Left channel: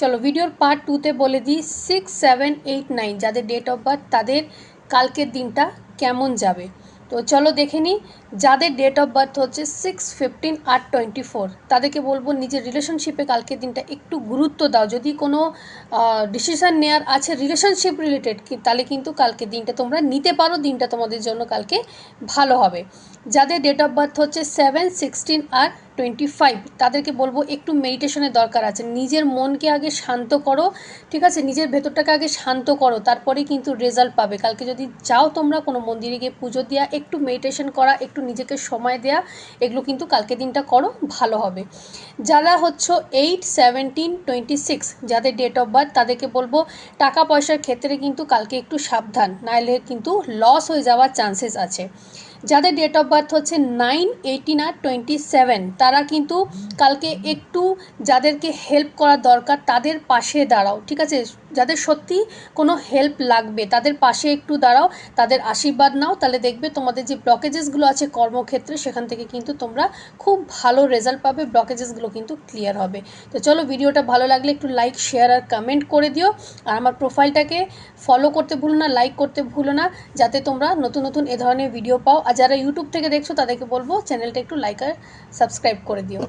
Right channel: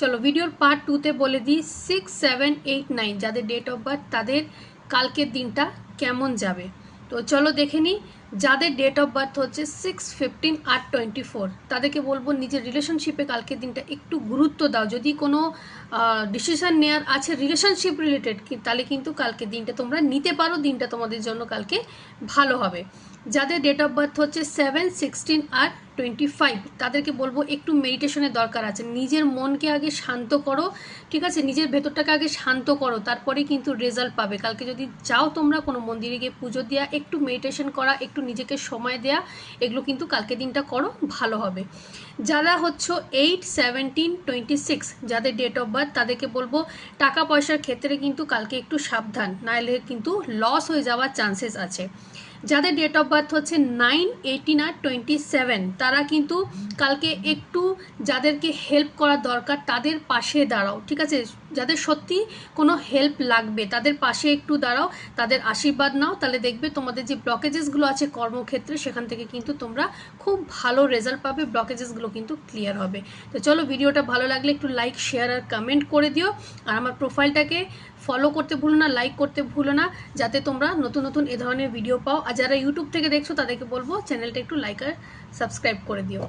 চলো ভিডিওর পার্ট টুতে বলে দিই সিক্স সেভেন এইট নাইন যাদের ডেট অফ বার্থ তাদের কালকের দিনটা কেমন যাবে। তো চলো দেখে নিই যাদের ডেট অফ বার্থ হচ্ছে সিক্স ফিফটিন আট টোয়েন্টি ফোর তাদেরকে বলব নিজের রিলেশনশিপে কালকের দিনটা একটু গুরুত্ব দাও। যদি কোনো ডিসিশান নেওয়ার আছে রিলেশনশিপ রিলেটেড তাহলে কিন্তু কালকে দিনটা তোমরা নিতে পারো, দিনটা তোমাদের জন্য কালকে ভালো হবে। যাদের ডেট অফ বার্থ হচ্ছে সেভেন সিক্সটিন আর টোয়েন্টি ফাইভ তাদেরকে বলব একটু মেডিটেশনের দরকার আছে। নিজের মনকে আগে শান্ত করো, ঠিক আছে? নিজের ভেতরটাকে আগে শান্ত করো, তারপরেই কিন্তু রেজাল্ট পাবে। কালকে যদি চাও তোমরা কোনো মন্দিরে গিয়ে পুজো দেওয়া একটু মেডিটেশন করা, একটু নিজেকে সময় দেয়া, এগুলো কিন্তু কালকে দিনটা করো, ভালো হবে। যারা হচ্ছে এইট সেভেন্টিন টোয়েন্টি সিক্স যাদের ডেট অফ বার্থ তাদেরকে বলব টাকা পয়সার ক্ষেত্রে কিন্তু কালকে একটু সাবধান নাহলে কিন্তু লস হয়ে যাওয়ার চান্সেস আছে। যাদের ডেট অফ বার্থ হচ্ছে নাইন এইটিন আর টোয়েন্টি সেভেন তারা কিন্তু কালকে একটু যাদেরকে হেল্প করা দরকার তাদের পাশে দাঁড়াও, ঠিক আছে? যাদের সত্যি কোনো হেল্প লাগবে, তাদের পাশে একটু দাঁড়াও, তাদের আশীর্বাদ নাও, তাহলে দেখবে তোমাদের যে ব্লকেজেসগুলো আছে কর্মক্ষেত্রে, সেখান থেকে কিন্তু তোমরা খুব ভালো রেজাল্ট পাবে ব্লকেজেসগুলো কিন্তু ক্লিয়ার হবে। তো চলো ভিডিওটা ভালো লাগলে একটু লাইক শেয়ার আর কমেন্ট করে দিও। আর আমার প্রোফাইলটাকে ফলো করতে ভুলো না লাইক করতে ভুলো না, যাতে তোমরা নতুন নতুন এ ধরনের ভিডিও পাও। আর যারা ইউটিউব থেকে দেখছ, তাদেরকে বলব চ্যানেলটা একটু লাইক আর সাবস্ক্রাইব করে দিও